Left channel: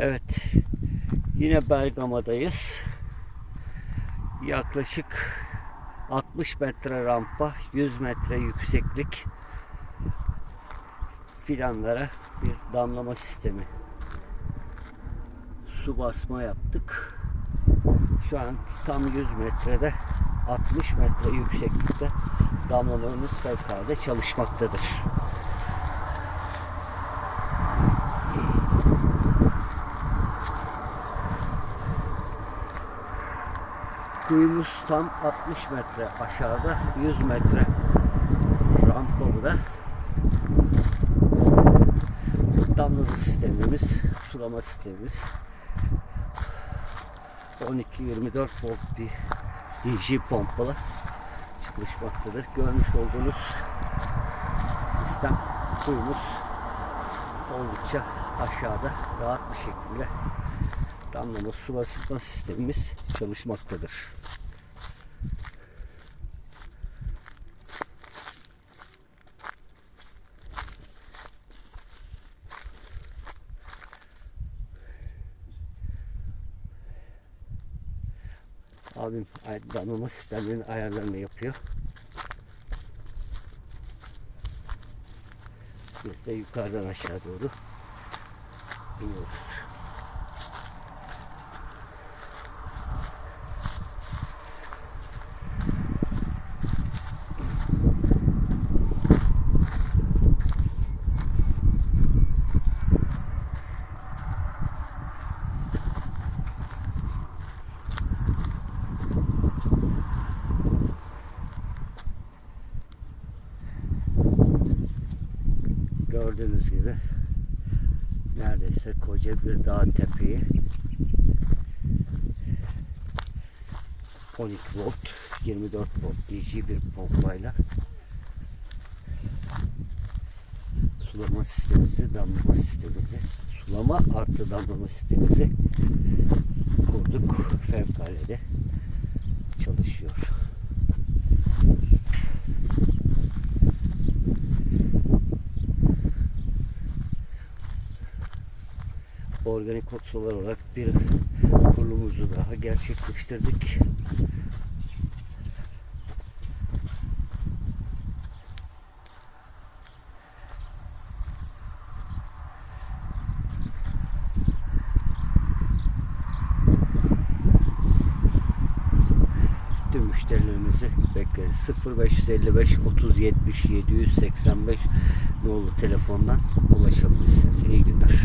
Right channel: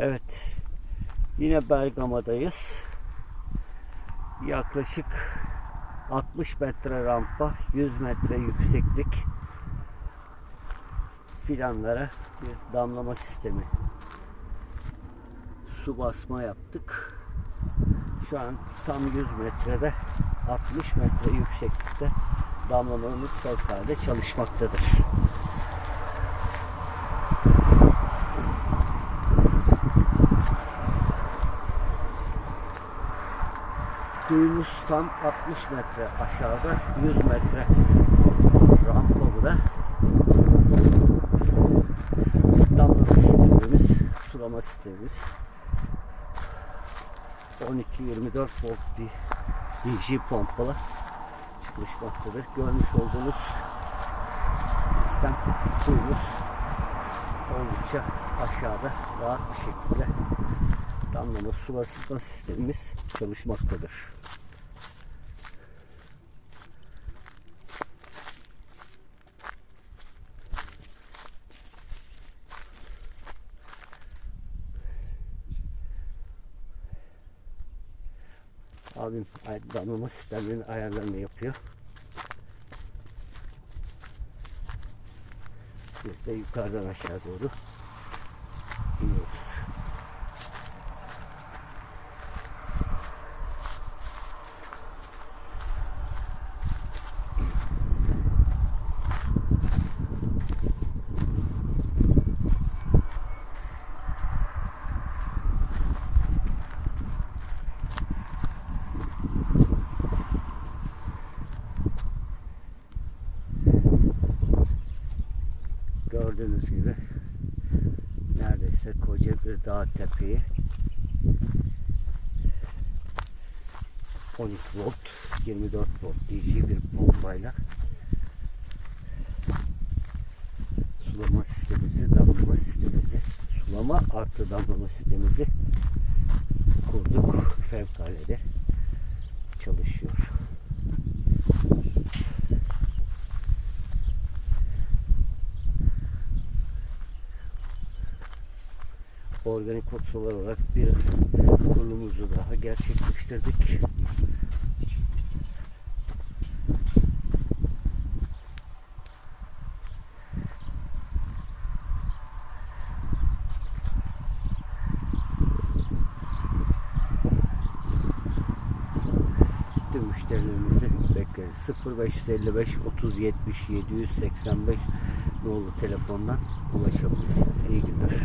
Evet. Yine Bergama'dayız. Yaklaşık 60 metre rampa, 100 metre yükseklik fidanlara bir damlama sistemi. Su basma yaptık. Şu an tam 100 metrede 60 metre yükseklikte damlamamız fevkalade çalışmaktadır. Kuyumuz tam 60 metre aşağıda 100 metre rampalı da damlama sistemimiz, sulama sistemimiz 12-24 volt bir DJ pompalı çalışmaktadır. Görmüş olduğunuz sistem kuyumuz oldukça aşağıda rahat bir şekilde damlama sulasma sistemimiz çalışmaktadır. Abim damlama sistemlerinin ayarlarını yapıyor. Biz de yukarıdan aşağı doğru iniyoruz. Gördüğünüz gibi neredeyse koca bir dağ tepeyi 12 volt 24 volt DC bir pompayla sulama sistemimizi, damlama sistemimizi, sulama artı damlama sistemimizi kurduk. Fevkalade çalışıyor. Organik otsolar olarak bir kurulumuzu daha gerçekleştirdik. Tüm müşterilerimizi bekleriz. 0555 30 70 785 nolu telefondan ulaşabilirsiniz. İyi günler.